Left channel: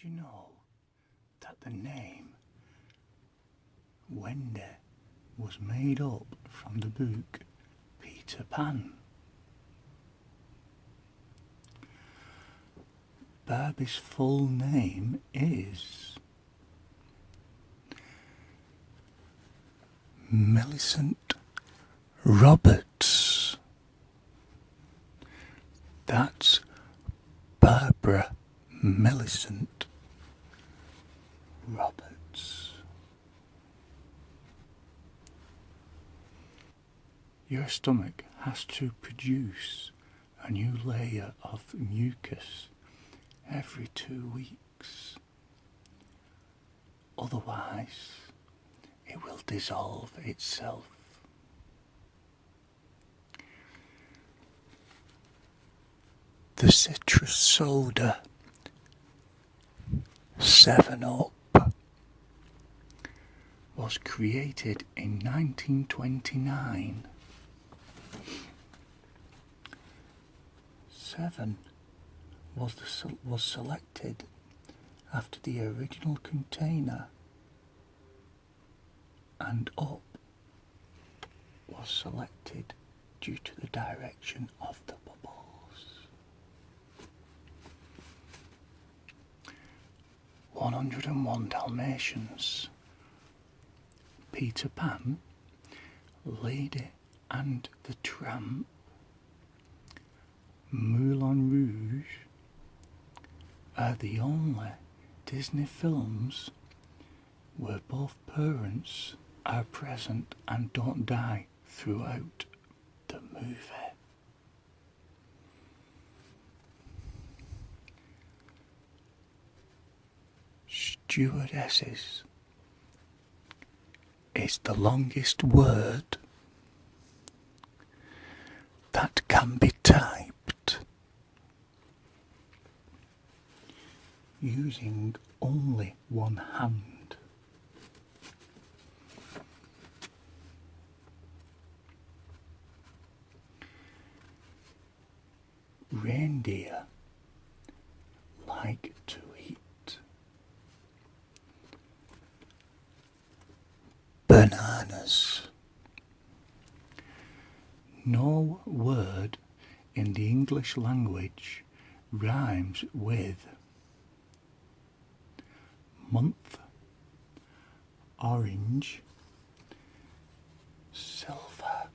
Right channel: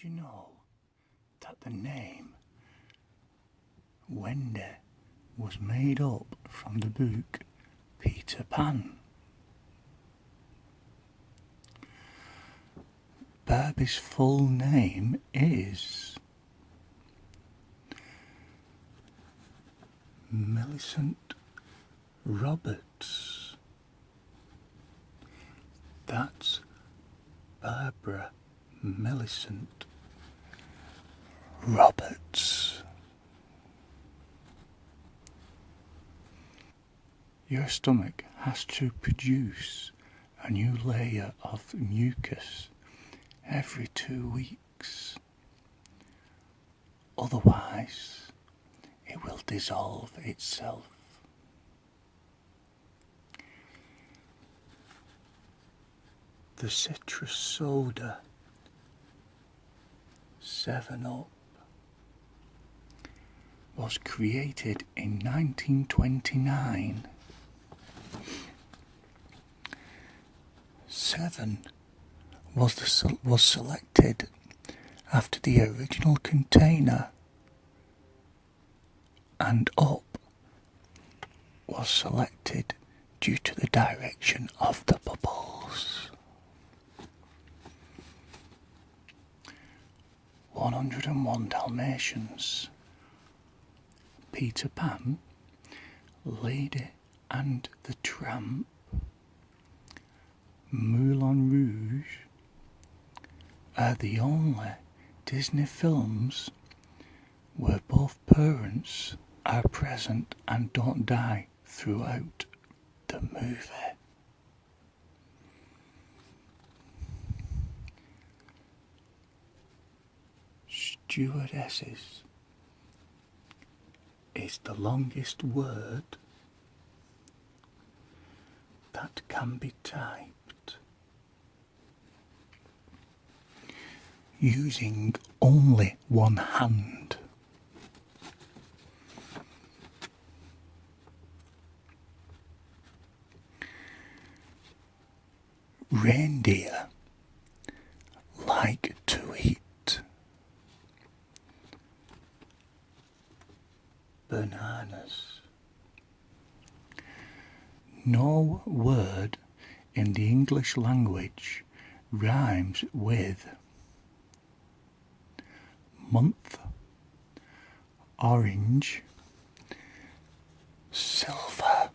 Did you know that the name Wendy was made up from the book Peter Pan? Barbie's full name is Millicent Roberts. That's Barbara Millicent Roberts. Your stomach has to produce a new layer of mucus every 2 weeks. Otherwise, it will dissolve itself. The citrus soda 7-Up was created in 1929. 7 was selected after the original container, and Up was selected due to the direction of the bubbles. 101 Dalmatians, Peter Pan, Lady and the Tramp, Moulin Rouge are the only Disney films where both parents are present and don't die throughout the movie. Stewardesses is the longest word that can be typed using only one hand. Reindeer like to eat bananas. No word in the English language rhymes with month, orange, silver,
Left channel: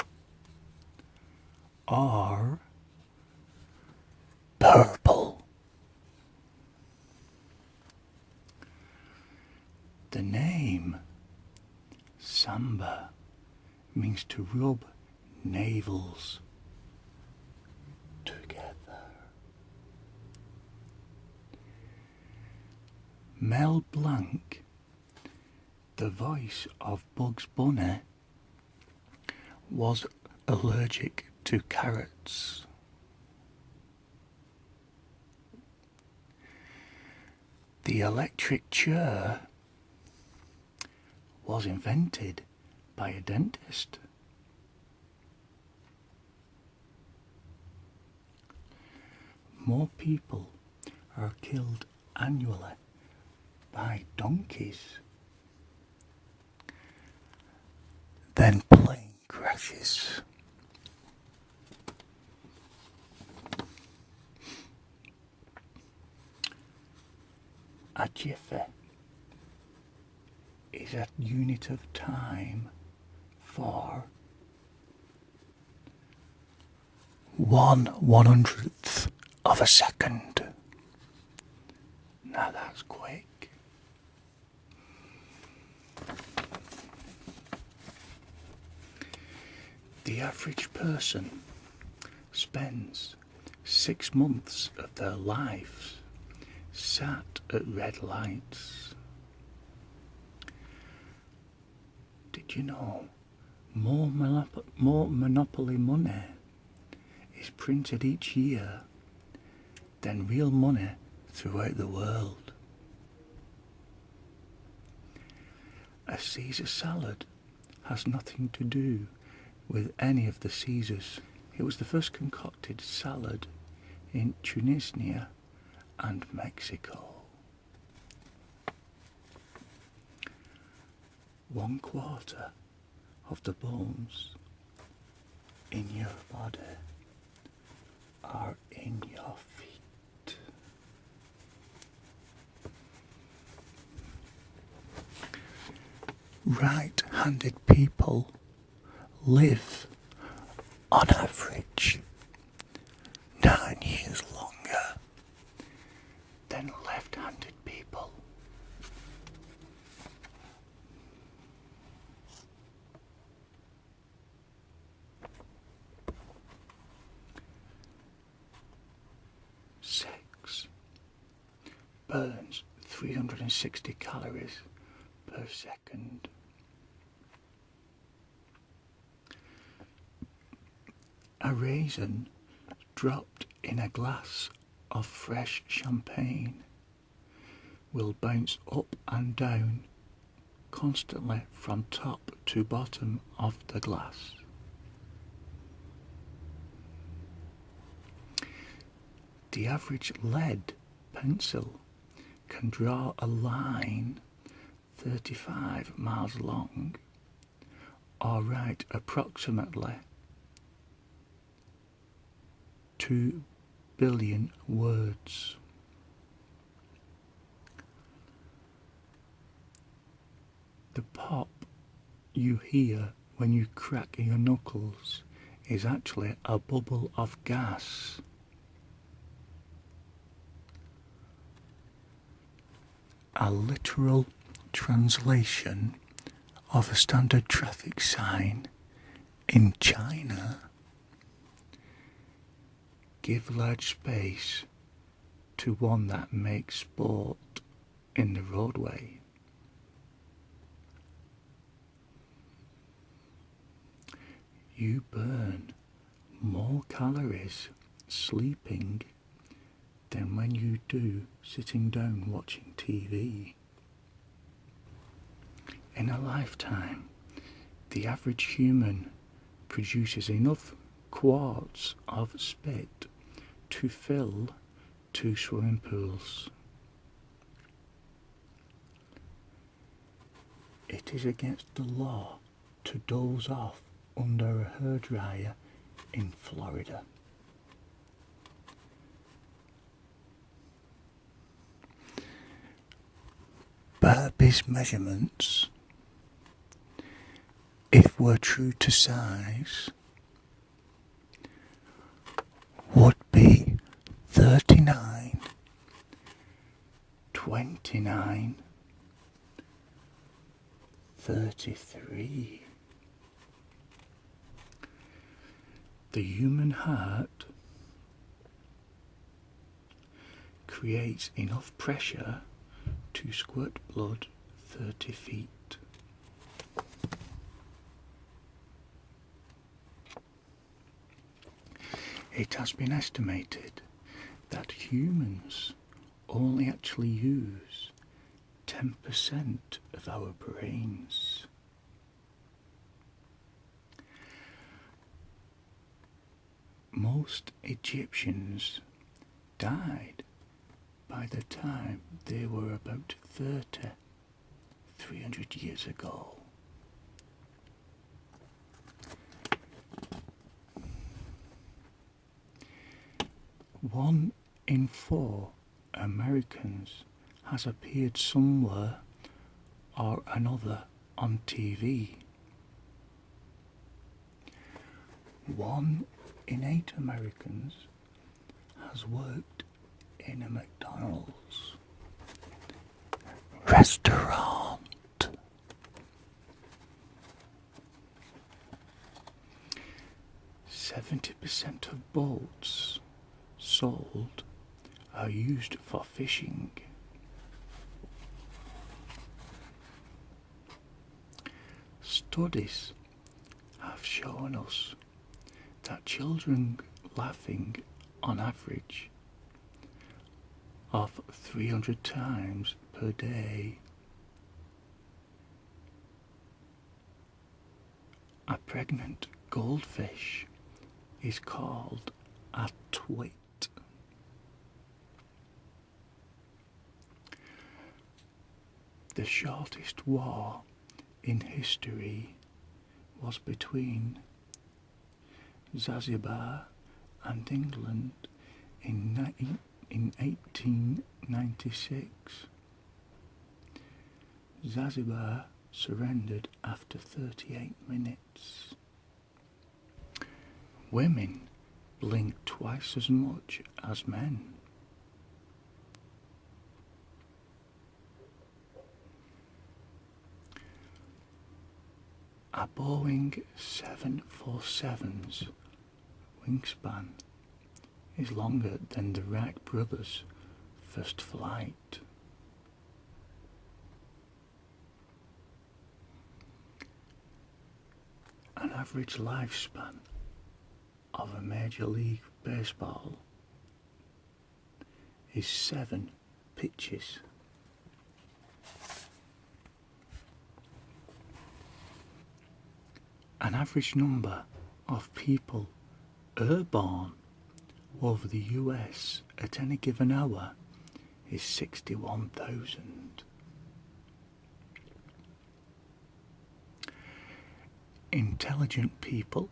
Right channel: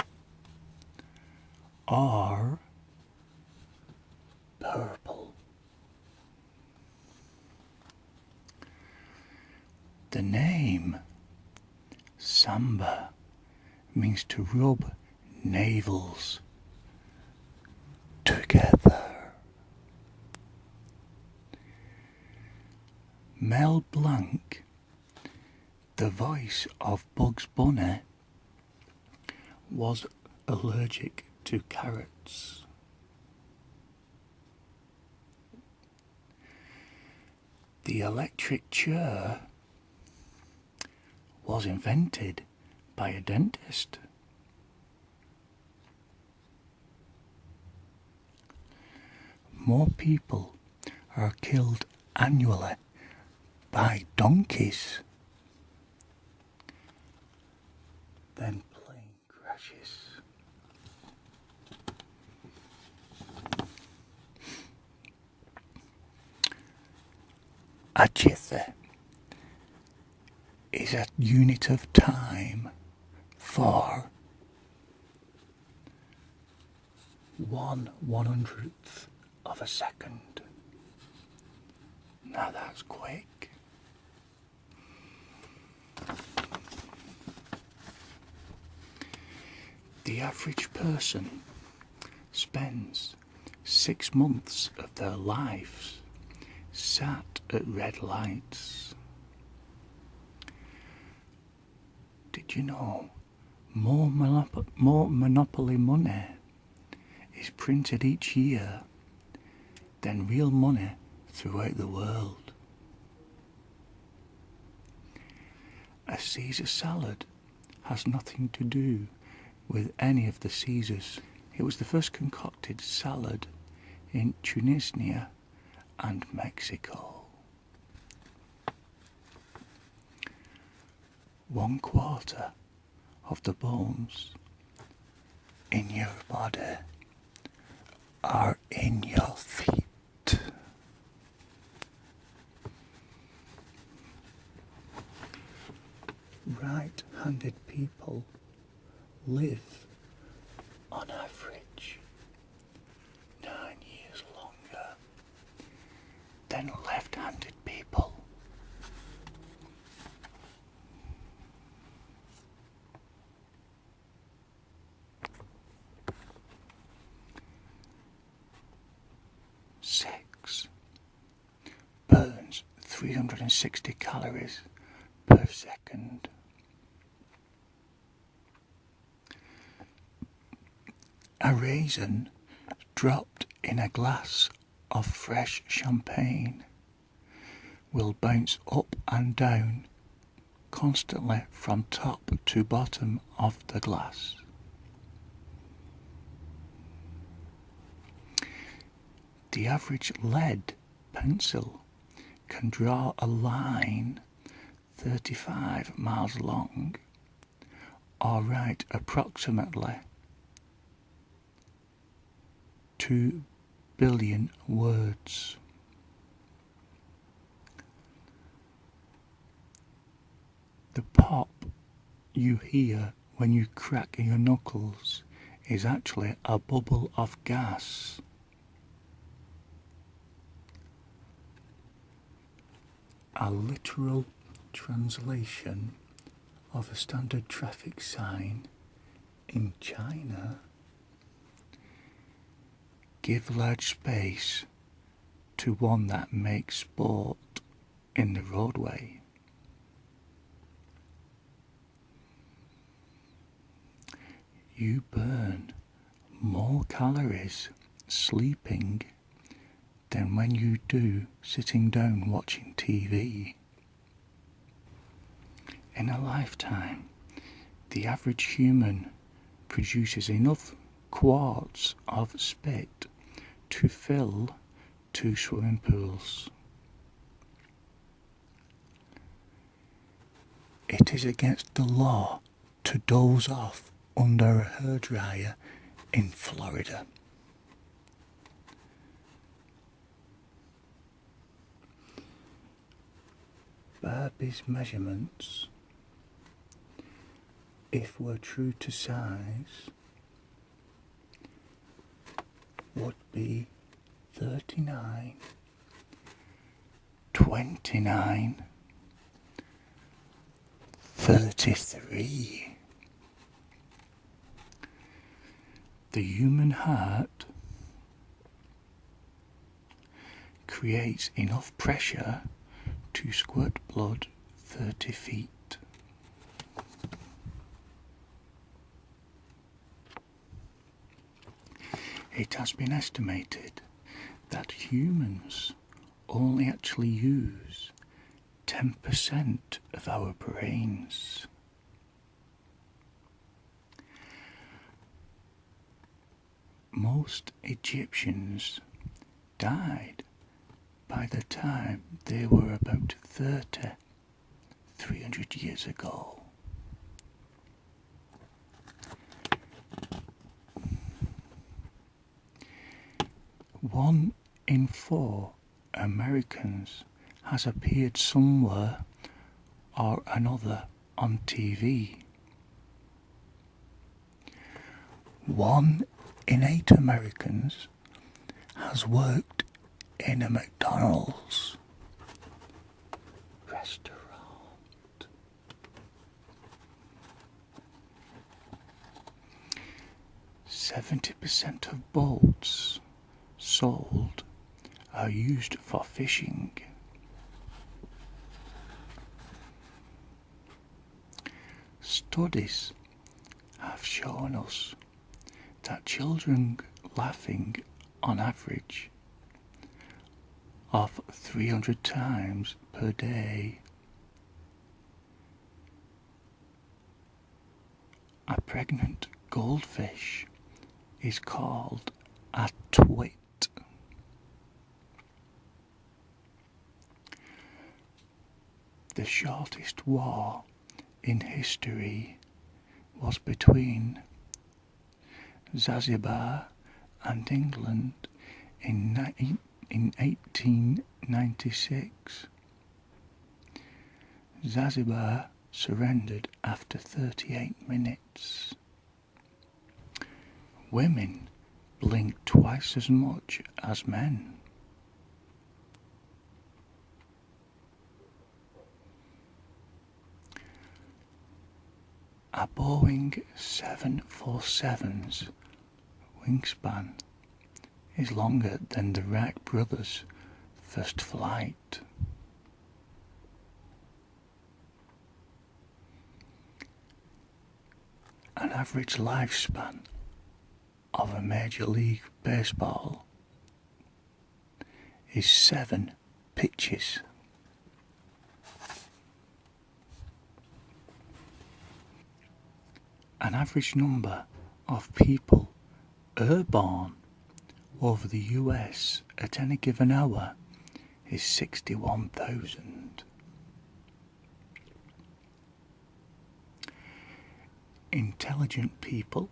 or purple. The name Samba means to rub navels together. Mel Blanc, the voice of Bugs Bunny, was allergic to carrots. The electric chair was invented by a dentist. More people are killed annually by donkeys than plane crashes. A jiffy is a unit of time for 1/100th of a second. Now that's quick. The average person spends 6 months of their lives sat at red lights. Did you know more Monopoly money is printed each year than real money throughout the world? A Caesar salad has nothing to do with any of the Caesars. It was the first concocted salad in Tunisia and Mexico. 1/4 of the bones in your body are in your feet. Right-handed people live, on average, 9 years longer than left-handed people. Sex burns 360 calories per second. A raisin dropped in a glass of fresh champagne will bounce up and down constantly from top to bottom of the glass. The average lead pencil can draw a line 35 miles long or write approximately 2 billion words. The pop you hear when you crack your knuckles is actually a bubble of gas. A literal translation of a standard traffic sign in China: give large space to one that makes sport in the roadway. You burn more calories sleeping than when you do sitting down watching TV. In a lifetime, the average human produces enough quarts of spit to fill 2 swimming pools. It is against the law to doze off under a hairdryer in Florida. Barbie's measurements, if were true to size, would be 39, 29, 33. The human heart creates enough pressure to squirt blood 30 feet. It has been estimated that humans only actually use 10% of our brains. Most Egyptians died by the time they were about 300 years ago. One in 4 Americans has appeared somewhere or another on TV. 1 in 8 Americans has worked in a McDonald's restaurant. "70% of boats sold are used for fishing. Studies have shown us that children laughing on average of 300 times per day. A pregnant goldfish is called a twit. The shortest war in history was between Zanzibar and England in 1896. Zanzibar surrendered after 38 minutes. Women blinked twice as much as men. A Boeing 747's wingspan is longer than the Wright brothers' first flight. An average lifespan of a Major League Baseball is 7 pitches. An average number of people airborne over the US at any given hour is 61,000. Intelligent people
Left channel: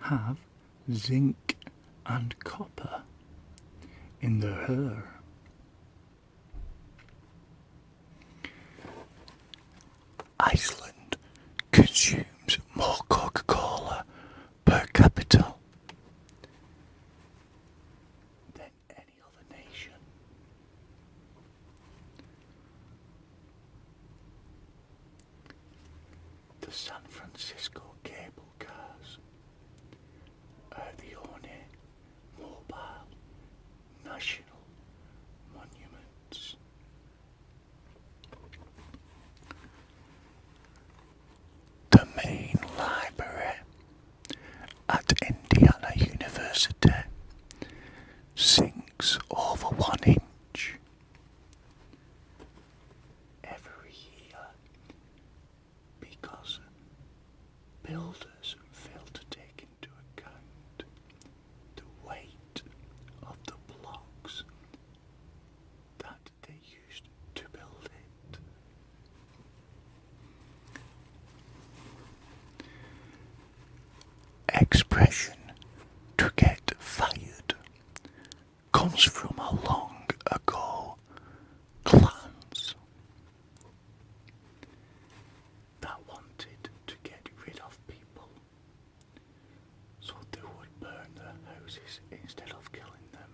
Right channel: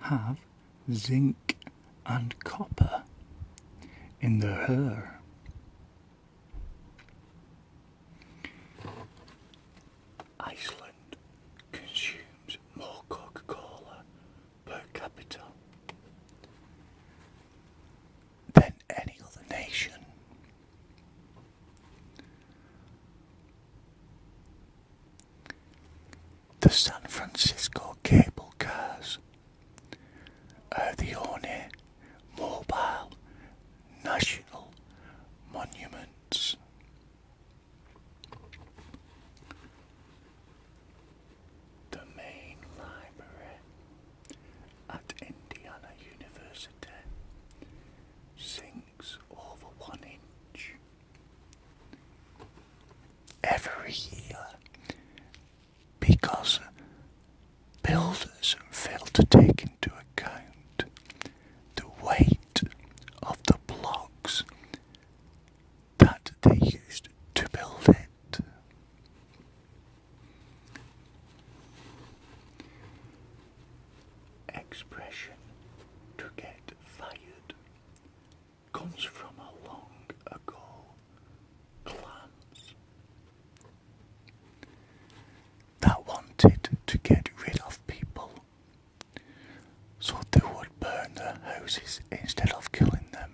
have zinc and copper in their hair. Iceland consumes more Coca-Cola per capita than any other nation. The San Francisco cable cars are the only mobile national monuments. The main library at Indiana University sinks over 1 inch every year because builders fail to take into account the weight of the blocks that they used to build it. Expression "to get fired" comes from a long ago clans that wanted to get rid of people, so they would burn their houses instead of killing them,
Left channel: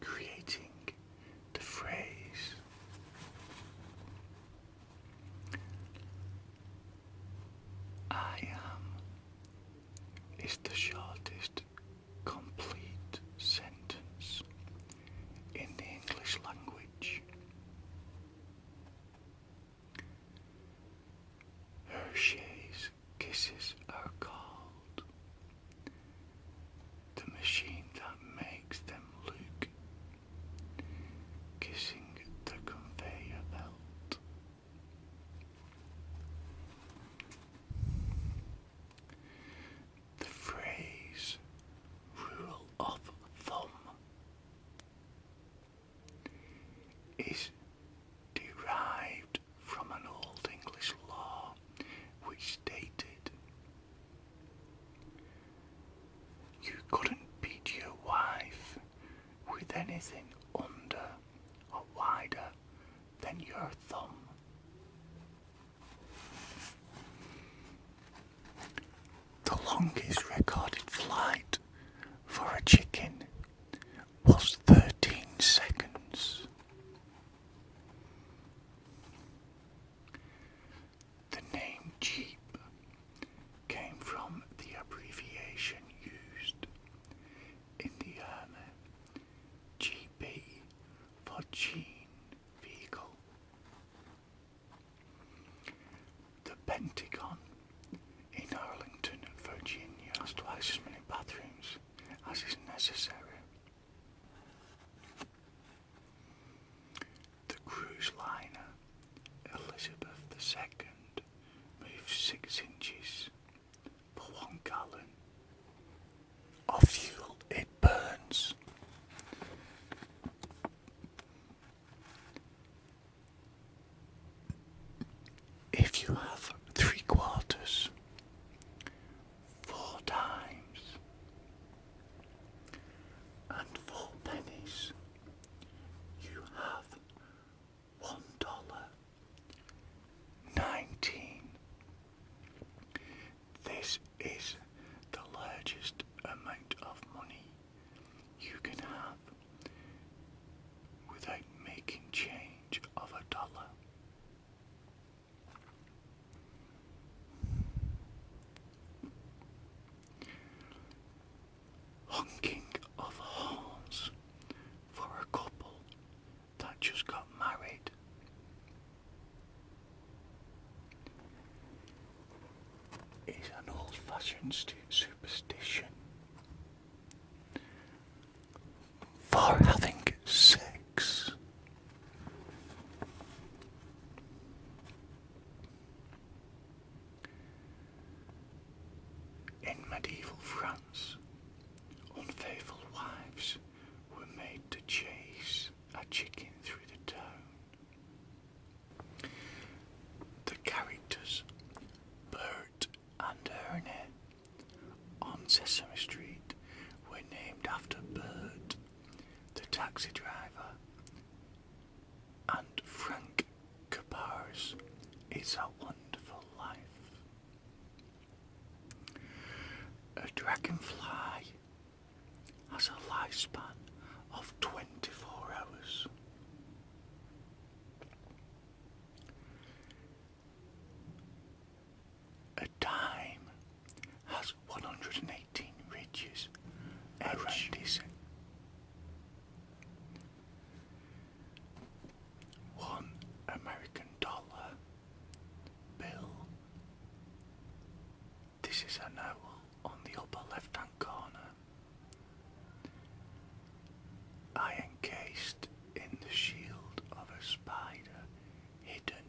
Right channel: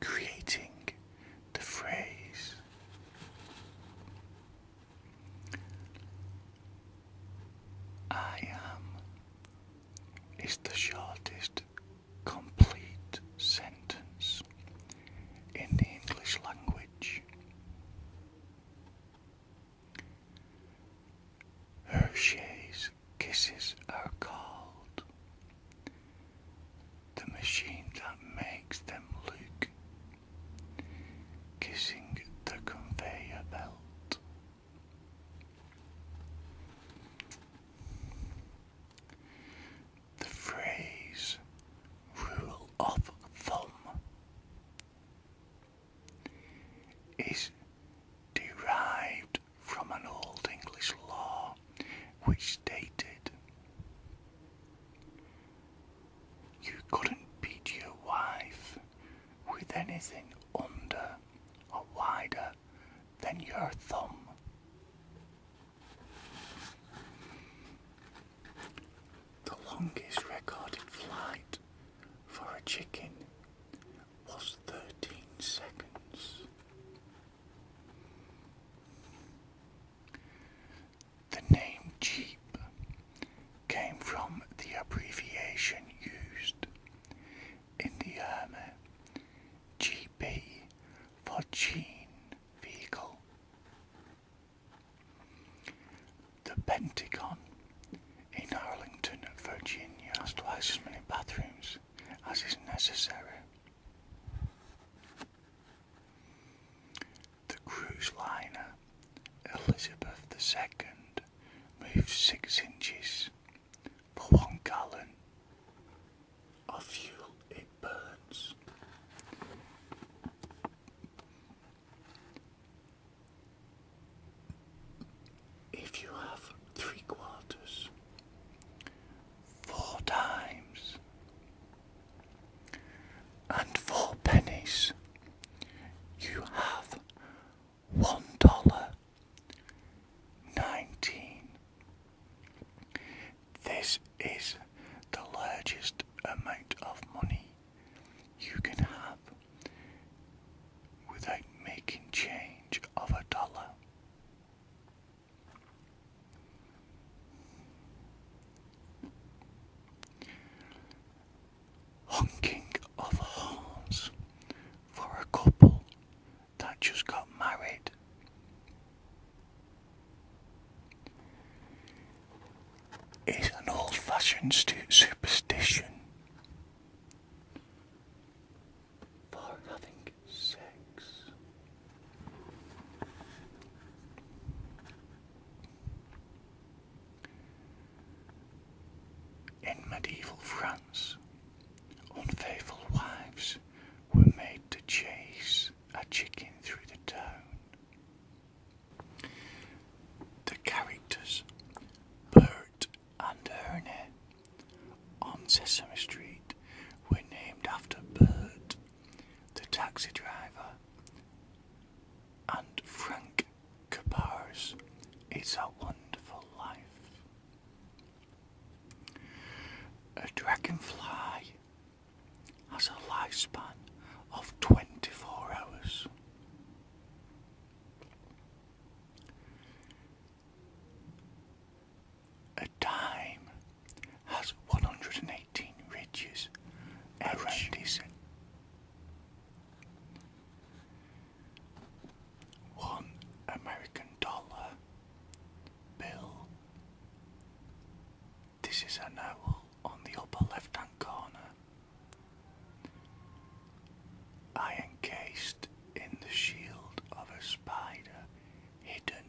creating the phrase "I am" is the shortest complete sentence in the English language. Hershey's Kisses are called the machine that makes them look, kissing the conveyor belt. The phrase "rule of thumb" is derived from an Old English law which stated you couldn't beat your wife with anything under or wider than your thumb. The longest recorded flight for a chicken was 13 seconds. The name Jeep came from the abbreviation used in the Army, GB for Gene Vehicle. The Pentagon in Arlington, Virginia has twice as many bathrooms as is necessary. The cruise liner Elizabeth II moves 6 inches for 1 gallon of fuel it burns. If you have is the largest amount of money you can have without making change of $1. Honking of horns for a couple that just got married. Is an old-fashioned superstition for having sex. In medieval France, unfaithful wives were made to chase a chicken through the town. The characters Bert and Ernie on Sesame Street were named after Bert, the taxi driver, and Frank Capar's It's a Wonderful Life. A dragonfly has a lifespan of 24 hours. A dime has 118 ridges around its $1 American bill. This is an owl on the upper left-hand corner. Eye encased in the shield of a spider hidden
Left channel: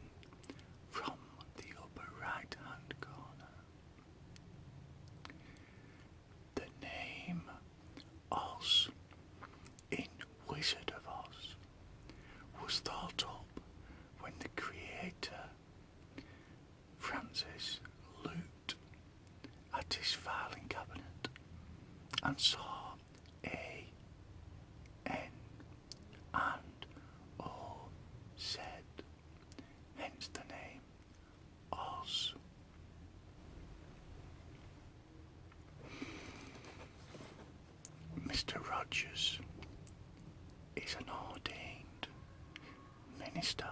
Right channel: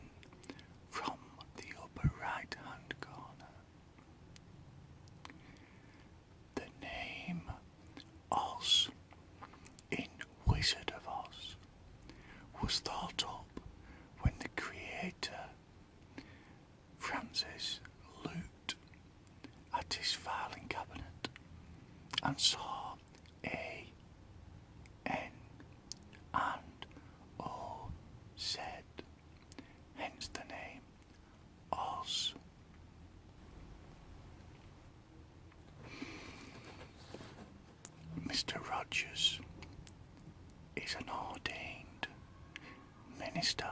from the upper right-hand corner. The name Oz in Wizard of Oz was thought up when the creator Francis looked at his filing cabinet and saw A, N, and O Z, hence the name Oz. Mr. Rogers is an ordained minister.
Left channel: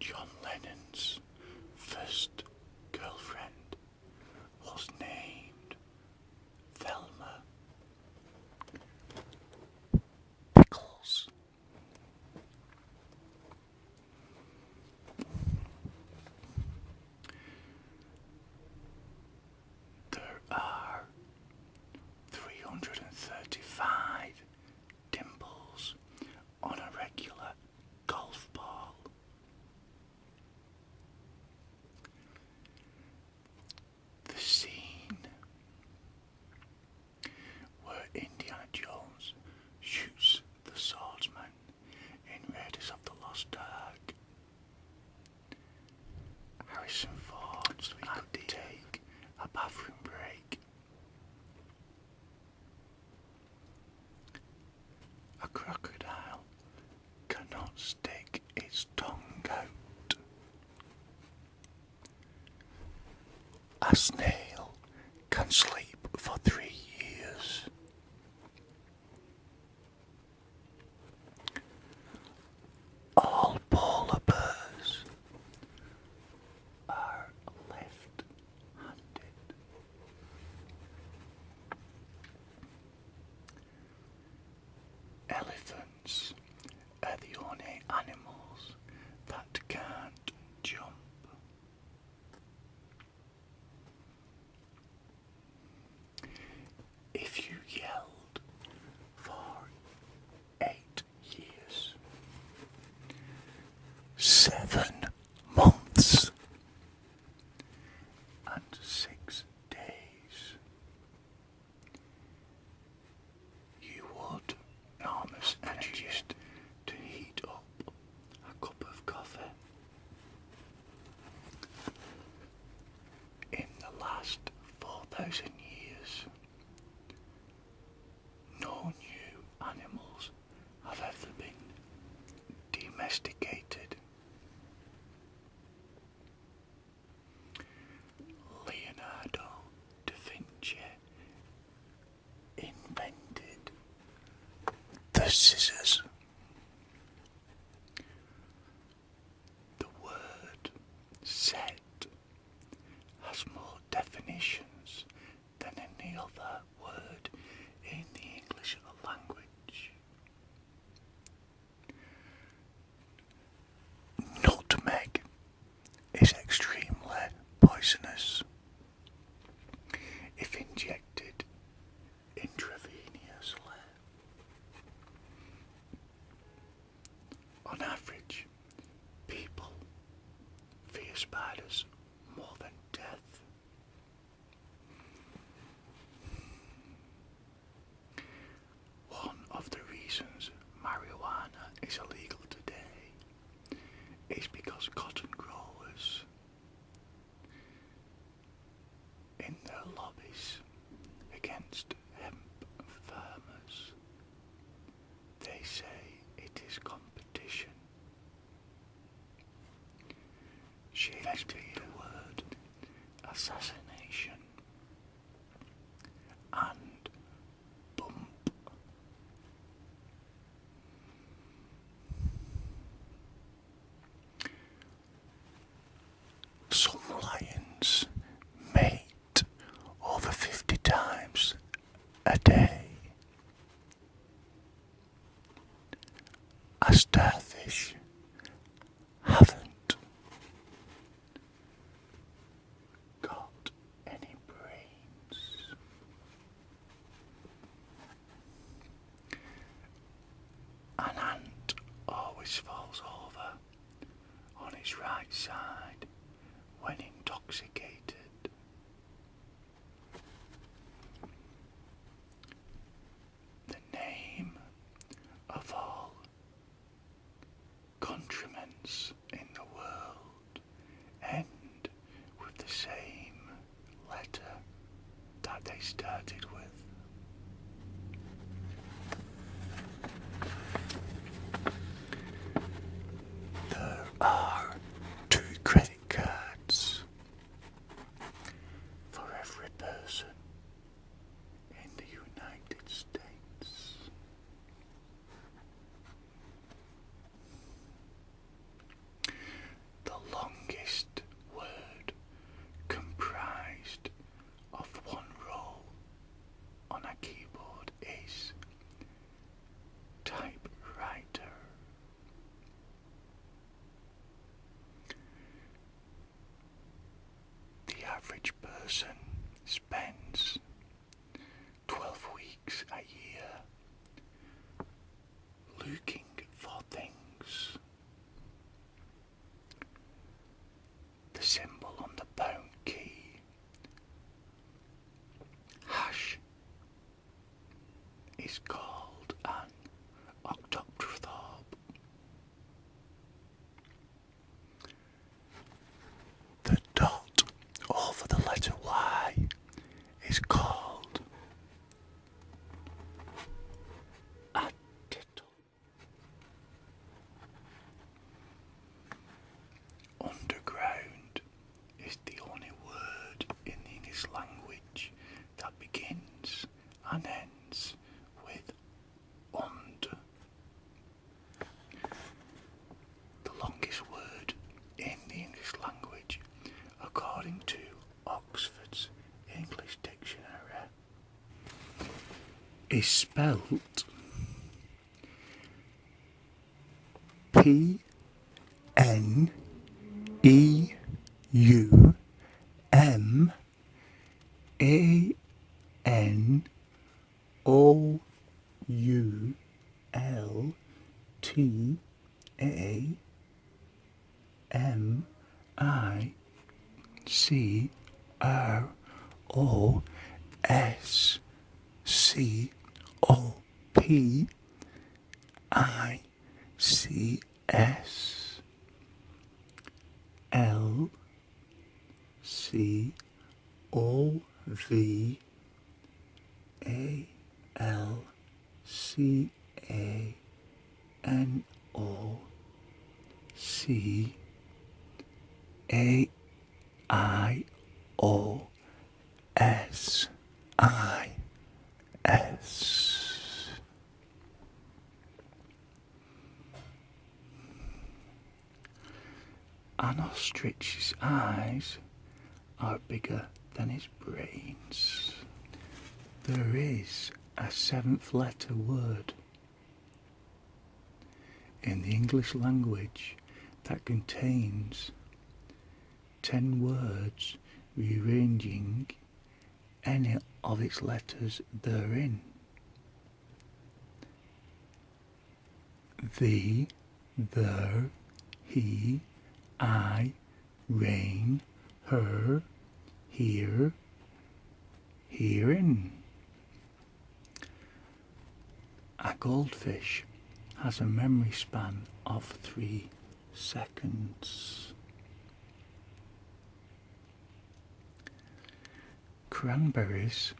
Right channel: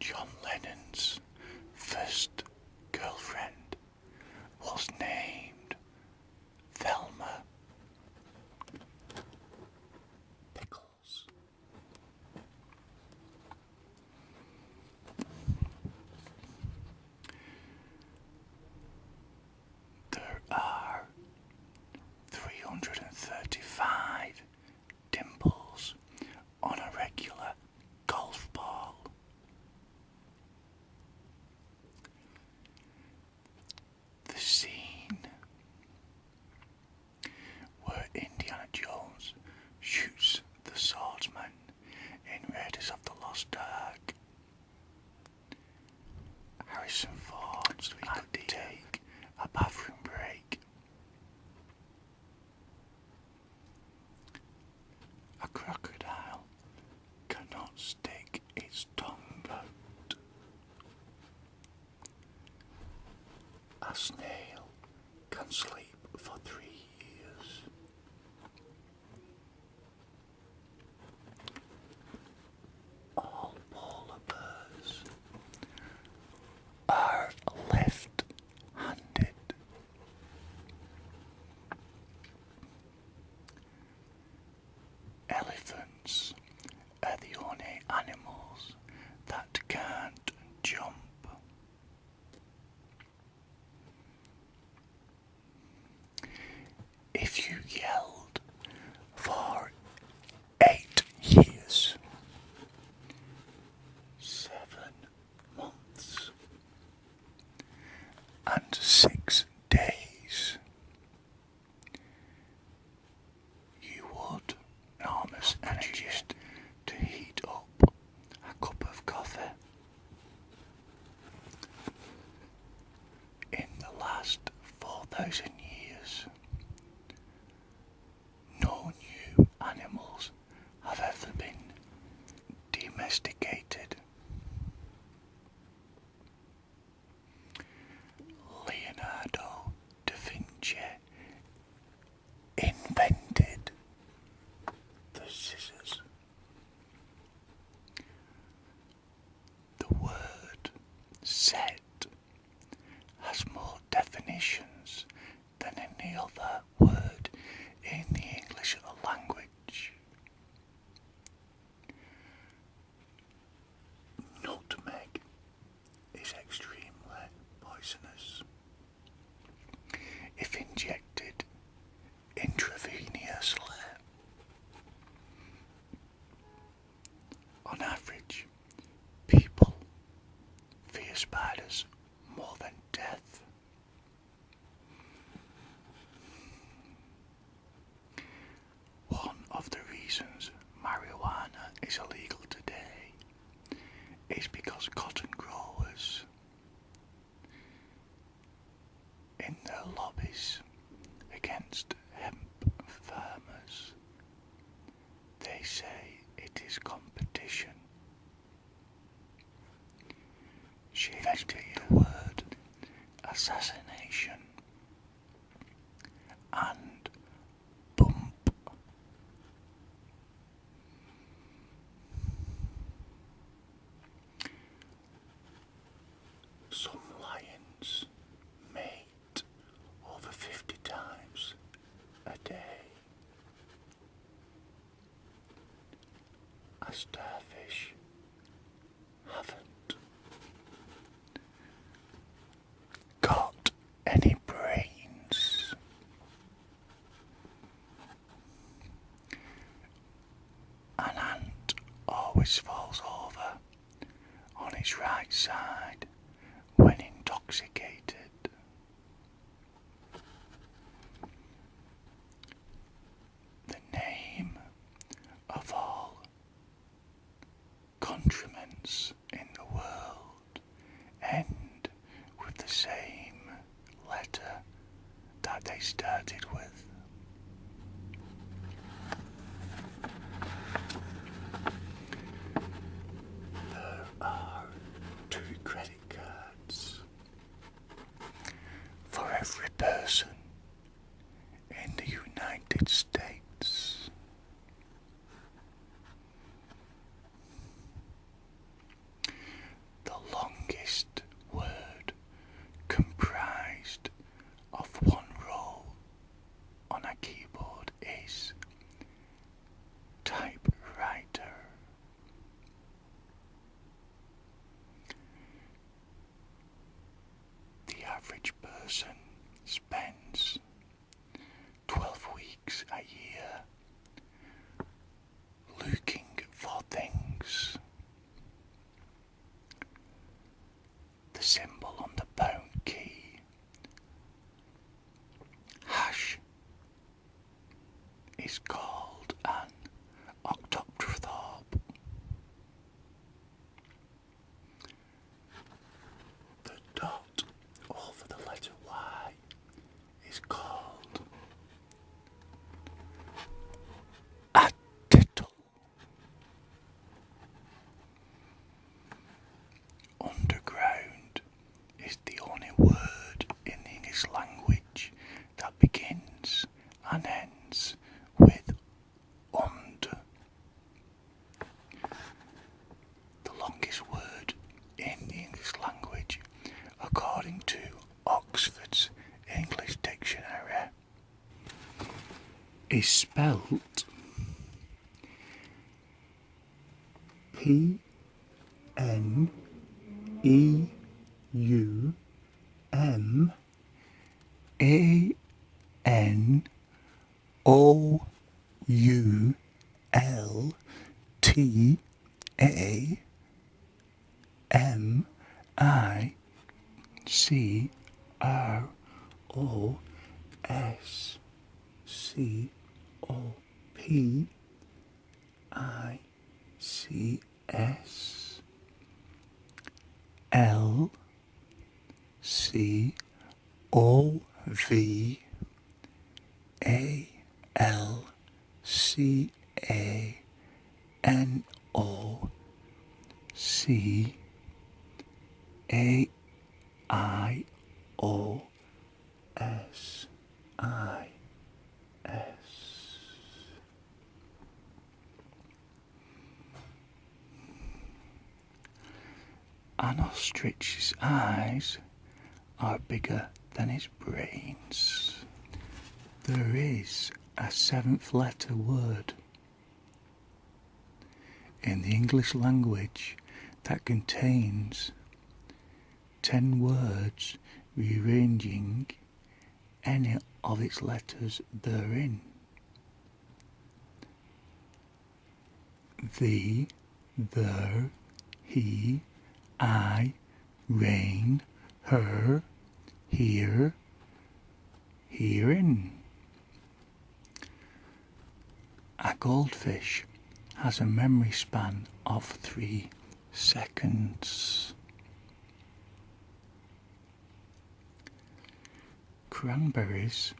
John Lennon's first girlfriend was named Thelma Pickles. There are 335 dimples on a regular golf ball. The scene where Indiana Jones shoots the swordsman in Raiders of the Lost Ark. Harrison Ford had to take a bathroom break. A crocodile cannot stick its tongue out. A snail can sleep for 3 years. All polar bears are left-handed. Elephants are the only animals that can't jump. If you yelled for 8 years, 7 months, and 6 days, you would enormous energy to heat up a cup of coffee. In the last 4,000 years, no new animals have ever been domesticated. poisonous if injected intravenously. On average, people fear spiders more than death. One of the reasons marijuana is illegal today is because cotton growers, in their lobbies against hemp farmers, they say it is competition. Shakespeare word assassination and bump. Some lions mate over 50 times a day. A starfish haven't got any brains. An ant always falls over on his right side when intoxicated. The name of all countrymen's in the world end with the same letter that they started with. There are 2 credit cards for every person in the United States. The longest word comprised of one row on a keyboard is typewriter. The average person spends 12 weeks a year looking for things. The symbol on the pound key, hash, is called an octoctathorpe. The dot over the letter Y is called a tittle. Underground is the only word in the English language that begins and ends with und. The longest word in the English language, according to Oxford's English Dictionary, is spelt Calaios. An ostrich's eyes are bigger than its brains. There is a 7th letter word in the English language that contains 10 words rearranging any of its letters therein. The, there, he, I, rain, her, here, herein. A goldfish has a memory span of 3 seconds. Cranberries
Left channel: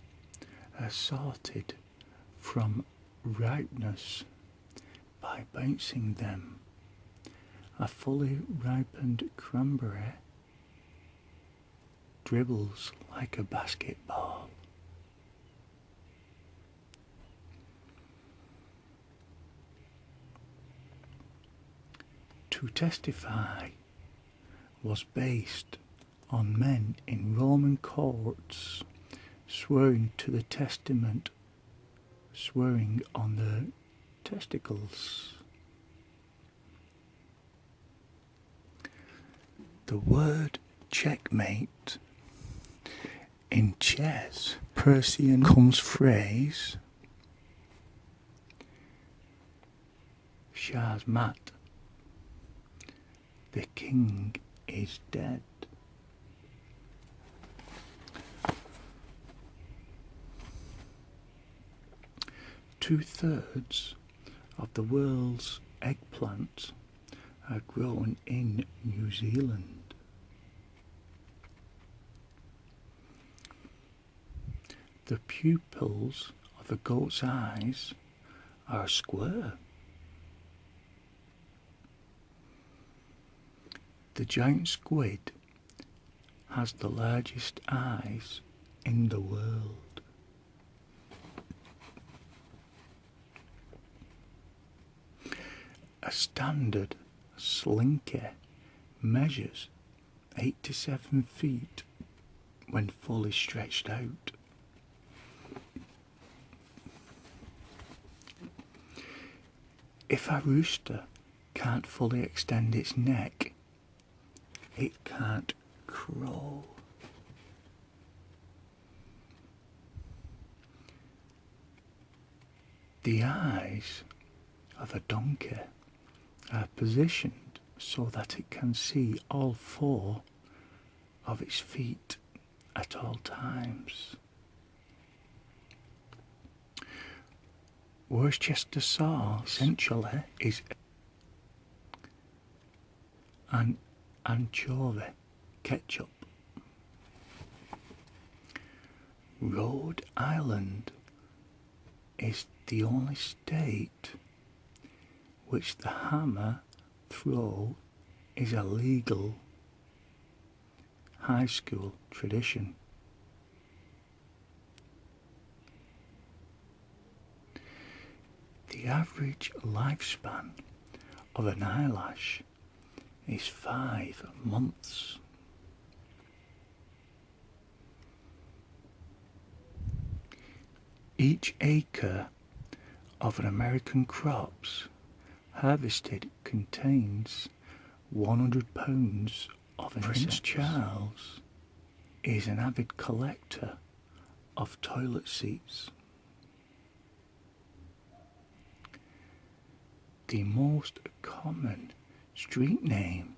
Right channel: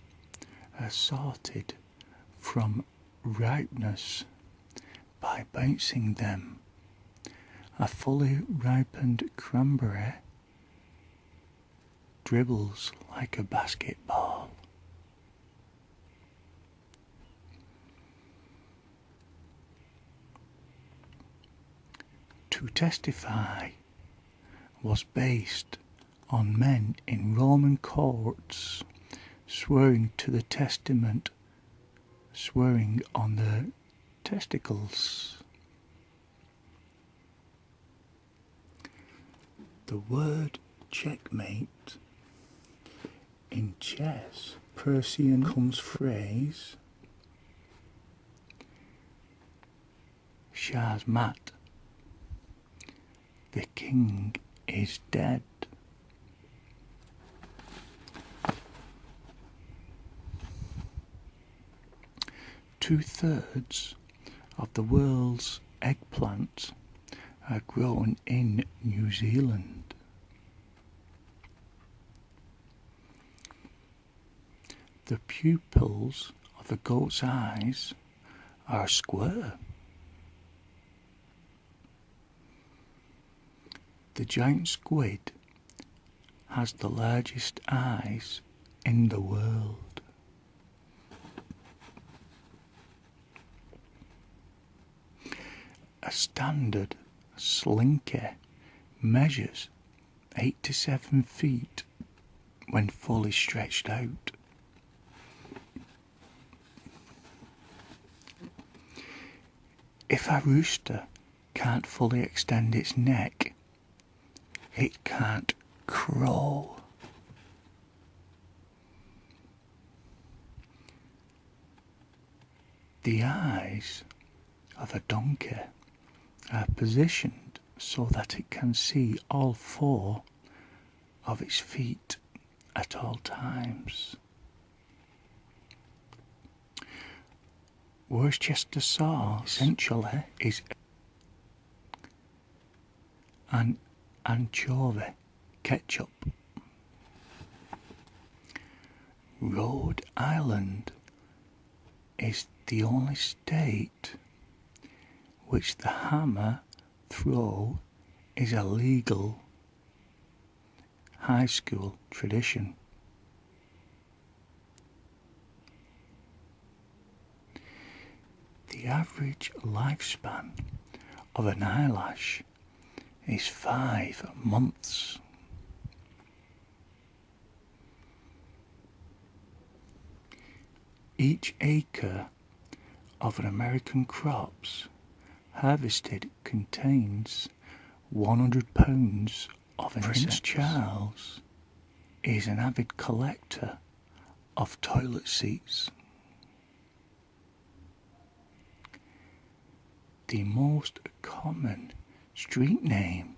are sorted from ripeness by bouncing them. A fully ripened cranberry dribbles like a basketball. To testify was based on men in Roman courts swearing to the testament, swearing on their testicles. The word checkmate in chess, Persian comes phrase Shahmat, the king is dead. Two-thirds of the world's eggplants are grown in New Zealand. The pupils of a goat's eyes are square. The giant squid has the largest eyes in the world. A standard slinky measures 8 to 7 feet when fully stretched out. If a rooster can't fully extend its neck, it can't crow. The eyes of a donkey are positioned so that it can see all 4 of its feet at all times. Worcestershire sauce essentially is an anchovy ketchup. Rhode Island is the only state which the hammer throw is a legal high school tradition. The average lifespan of an eyelash is 5 months. Each acre of an American crops harvested contains 100 pounds of insects. Prince Charles is an avid collector of toilet seats. The most common street name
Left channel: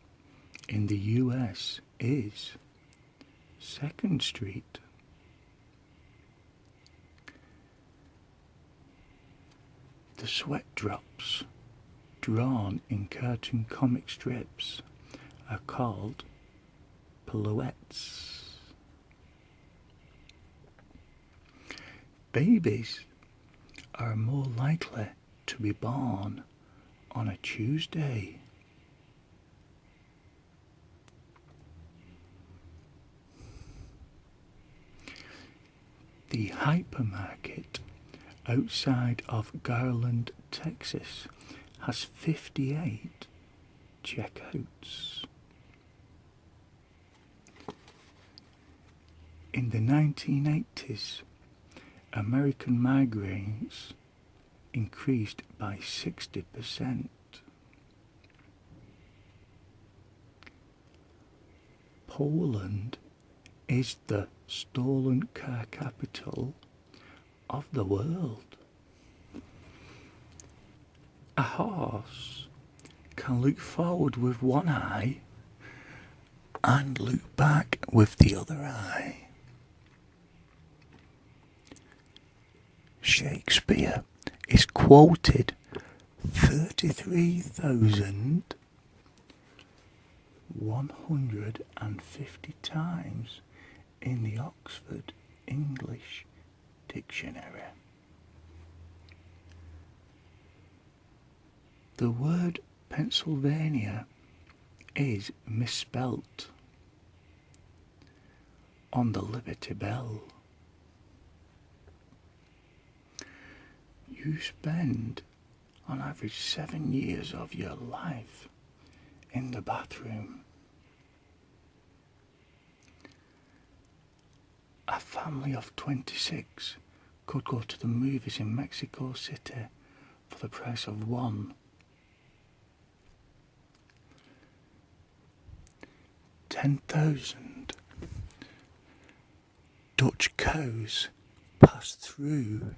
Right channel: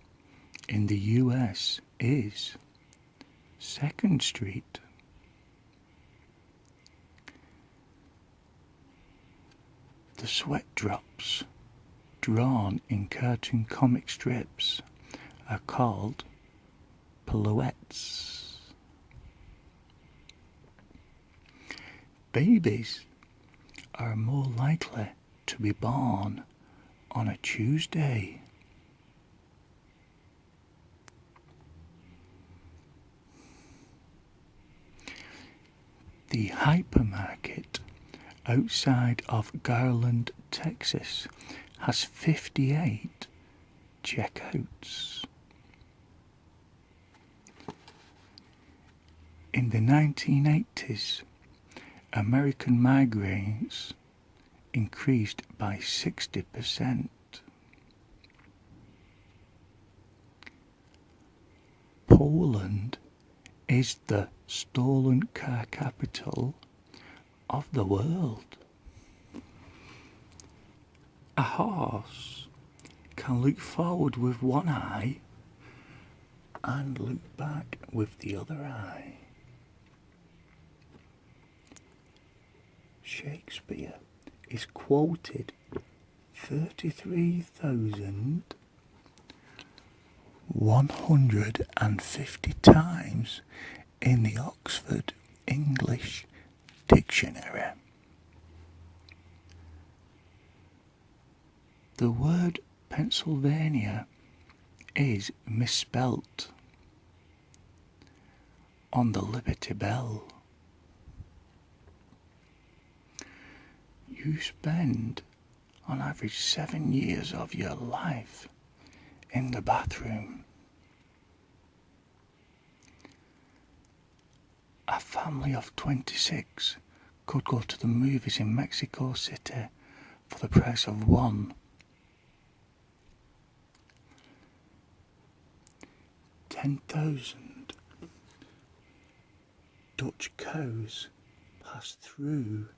in the US is 2nd Street. The sweat drops drawn in cartoon comic strips are called pirouettes. Babies are more likely to be born on a Tuesday. The hypermarket outside of Garland, Texas has 58 checkouts. In the 1980s, American migraines increased by 60%. Poland is the stolen car capital of the world. A horse can look forward with one eye and look back with the other eye. Shakespeare is quoted 33,150 times in the Oxford English Dictionary. The word Pennsylvania is misspelt on the Liberty Bell. You spend on average 7 years of your life in the bathroom. A family of 26 could go to the movies in Mexico City for the price of one. 10,000 Dutch cows pass through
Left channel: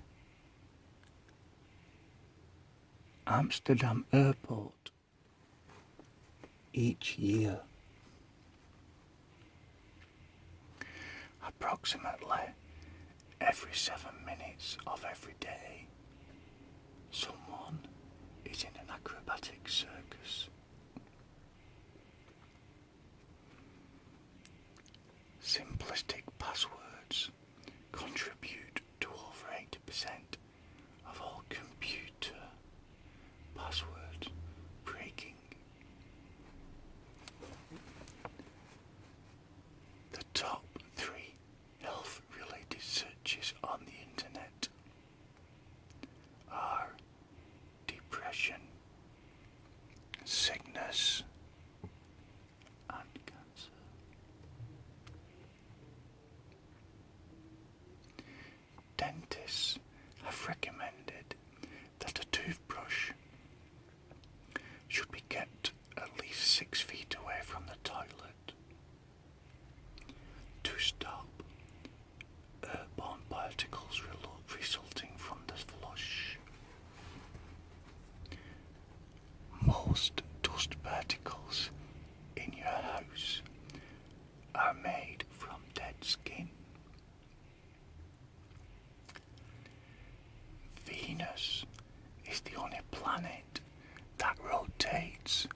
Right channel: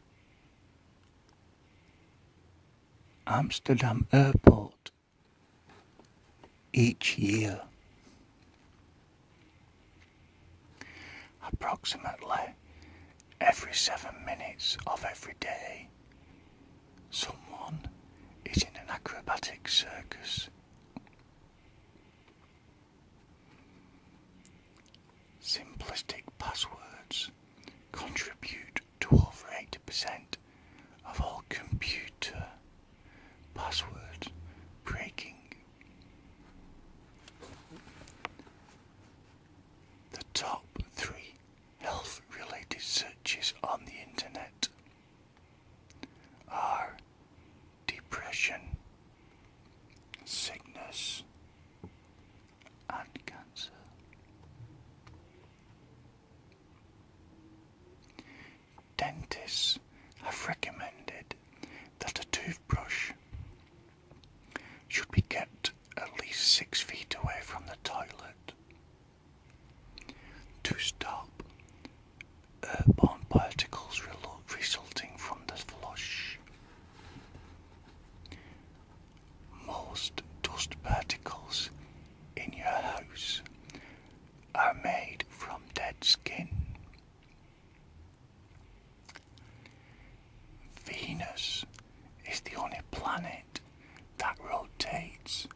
Amsterdam Airport each year. Approximately every 7 minutes of every day, someone is in an acrobatic circus. Simplistic passwords contribute to over 80% of all computer password breaking. The top 3 health-related searches on the internet are depression, sickness, and cancer. Dentists have recommended that a toothbrush should be kept at least 6 feet away from the toilet to stop airborne particles resulting from the flush. Most dust particles in your house are made from dead skin. Venus is the only planet that rotates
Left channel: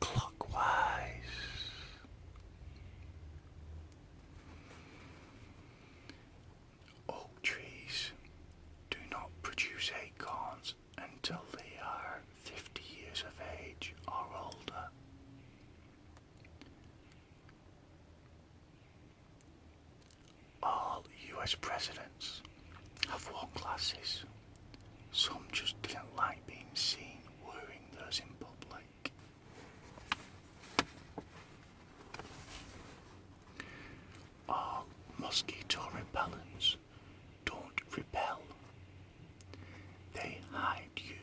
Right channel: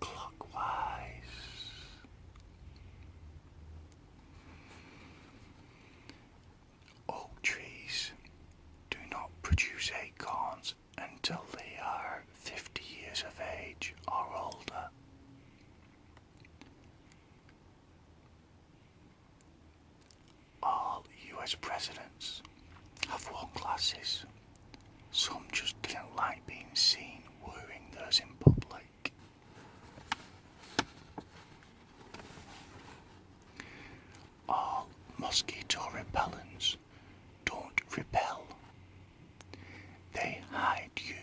clockwise. Oak trees do not produce acorns until they are 50 years of age or older. All US presidents have worn glasses. Some just didn't like being seen wearing theirs in public. All mosquito repellents don't repel. They hide you.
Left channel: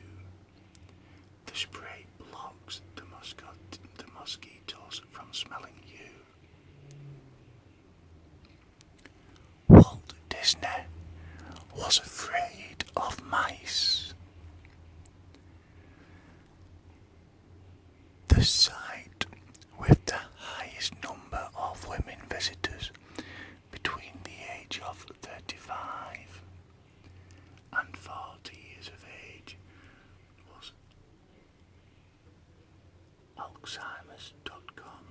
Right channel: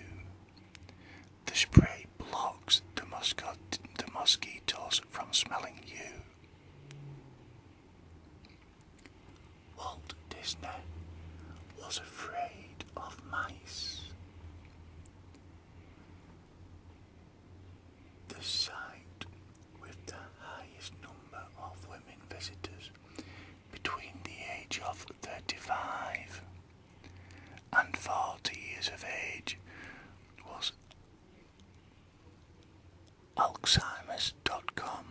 The spray blocks the mosquitoes from smelling you. Walt Disney was afraid of mice. The site with the highest number of women visitors between the age of 35 and 40 years of age was Alzheimer's.com.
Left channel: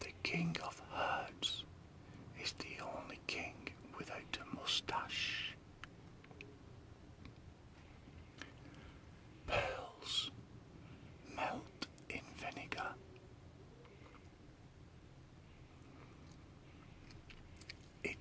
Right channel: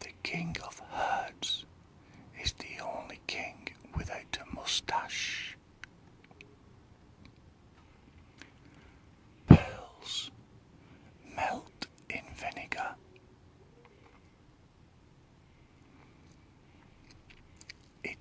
The King of Hearts is the only king without a moustache. Pearls melt in vinegar. It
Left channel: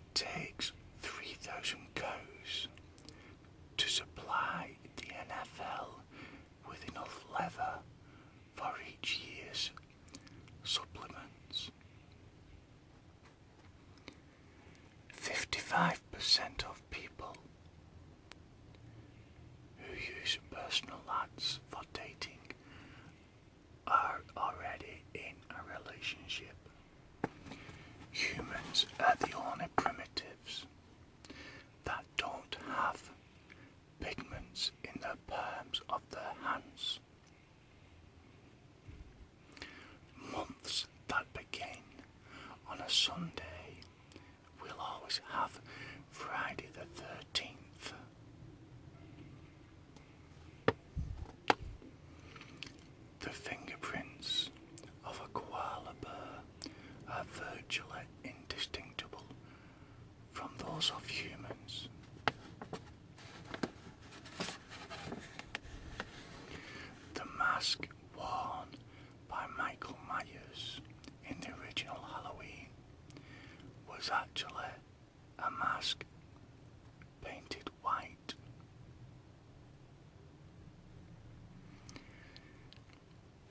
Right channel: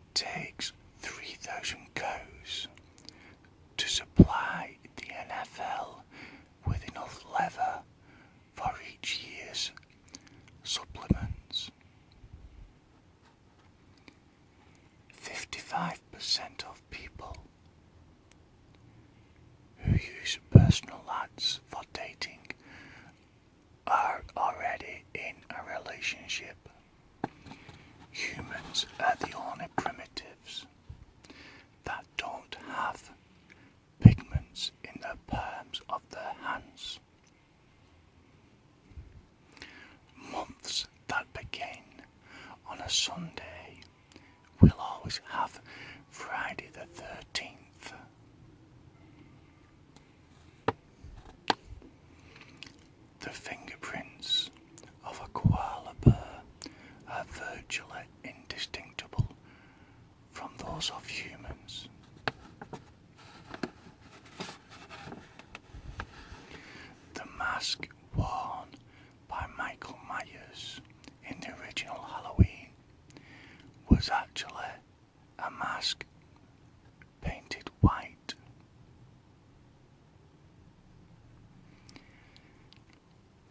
relationship. Humans are the only primitives that don't have pigments in the palms of their hands. Months that begin on a Sunday will always have Friday the 13th. The fingerprints of a koala bear are virtually indistinguishable from those of humans. The mask worn by Michael Myers in the original Halloween was actually a mask painted white.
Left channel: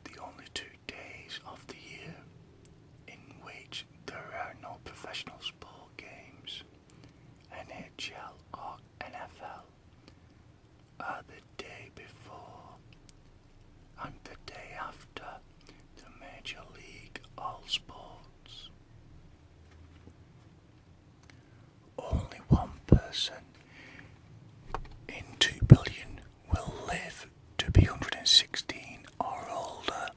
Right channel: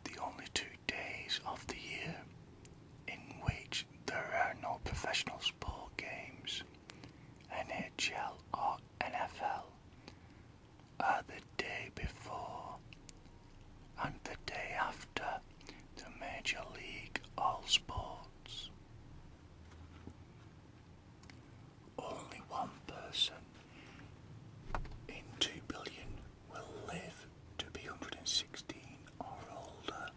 The only 2 days of the year in which there are no professional sport games, NHL or NFL, are the day before and the day after the Major League All Sports. Only one person in 2 billion will live to be 116 or older.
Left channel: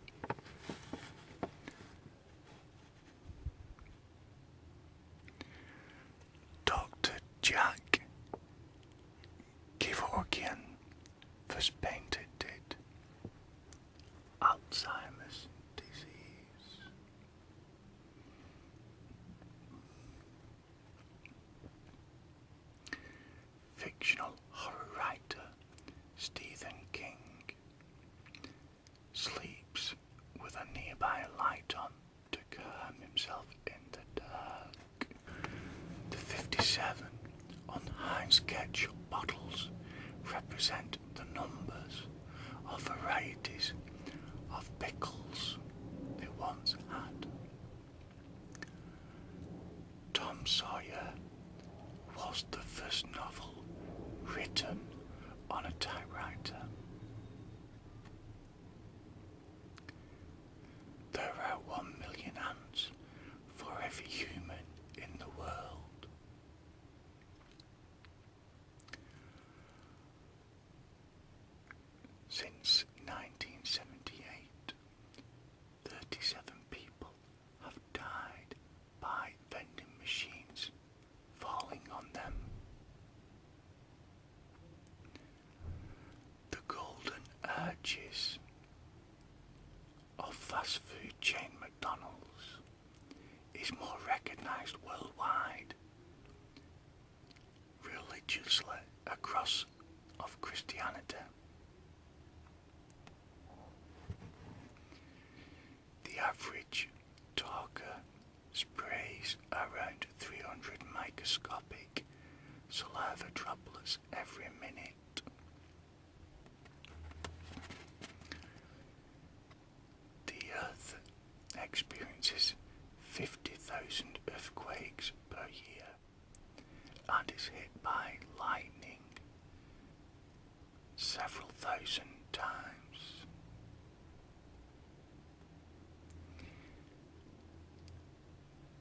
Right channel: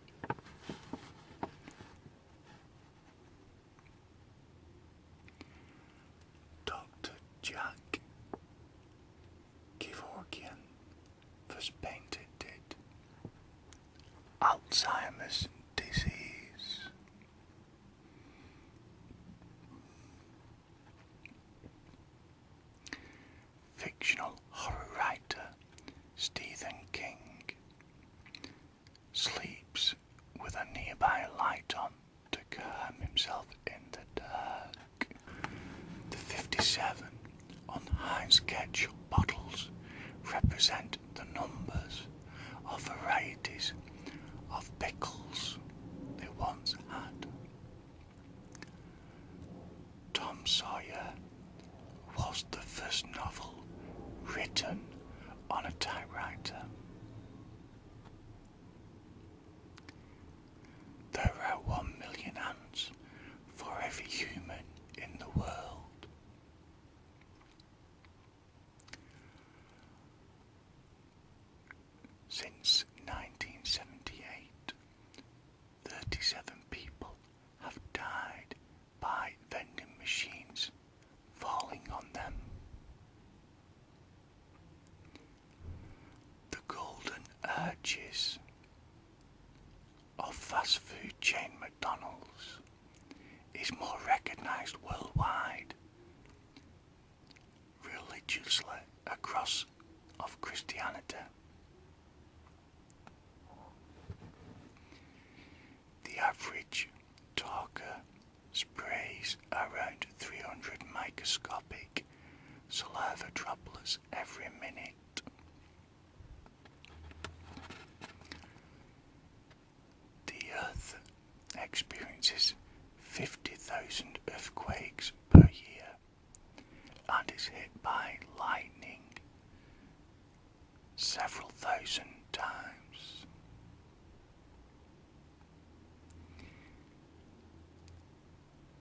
Dr. Jack Kevorkian first painted it. Alzheimer's disease. Fictional horror writer Stephen King sleeps with a nearby light on to calm himself in the dark. The 57 on Heinz ketchup bottles represent the numbers of varieties of pickles they once had. Tom Sawyer was the first novel written on a typewriter. There are 1 million ants for every human in the world. Since 1978, 37 people have died by vending machines falling on them. The golden arches of fast food chain McDonald's is more recognised worldwide, religiously across of Christianity. The average talker sprays around 300 microscopic saliva droplets every minute. The Earth experiences 50,000 earthquakes per year and is hit by lightning several thousand times.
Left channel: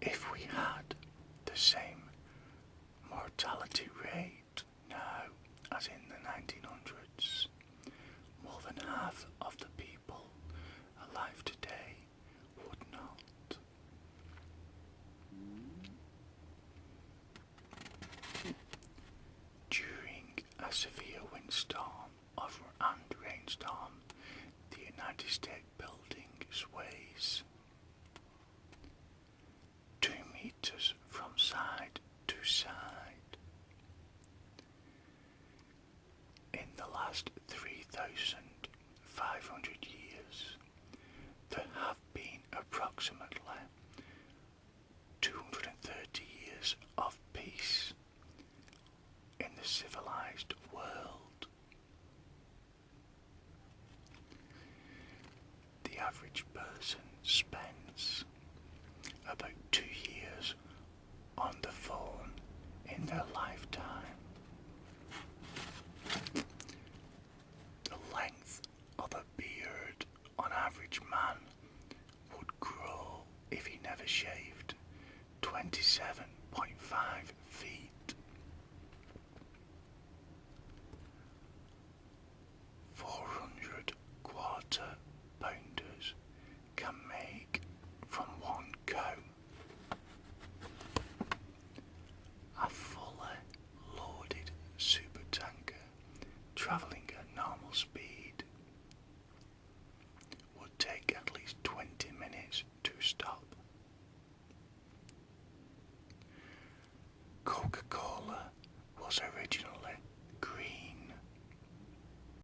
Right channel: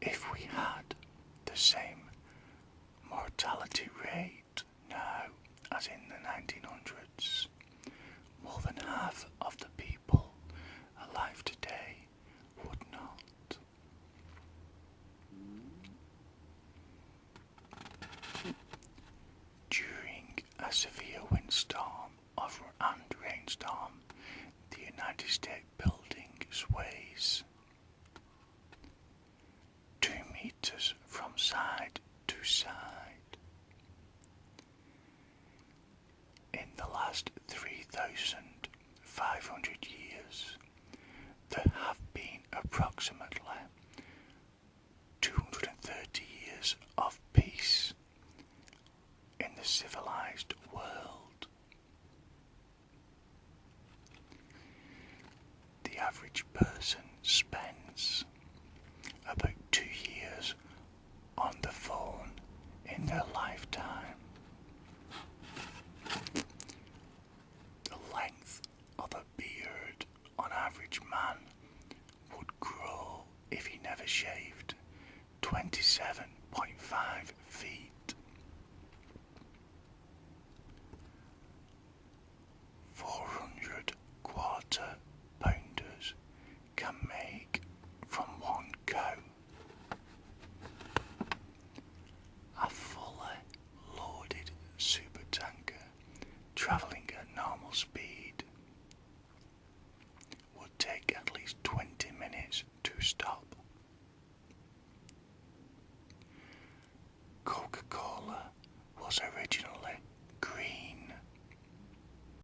If we had the same mortality rate now as in the 1900s, more than half of the people alive today would not. During a severe windstorm and rainstorm, the United States building sways 2 meters from side to side. In the last 3,500 years, there have been approximately 230 years of peace in the civilized world. The average person spends about 2 years on the phone in their lifetime. The length of a beard on average man would grow shaved 27.5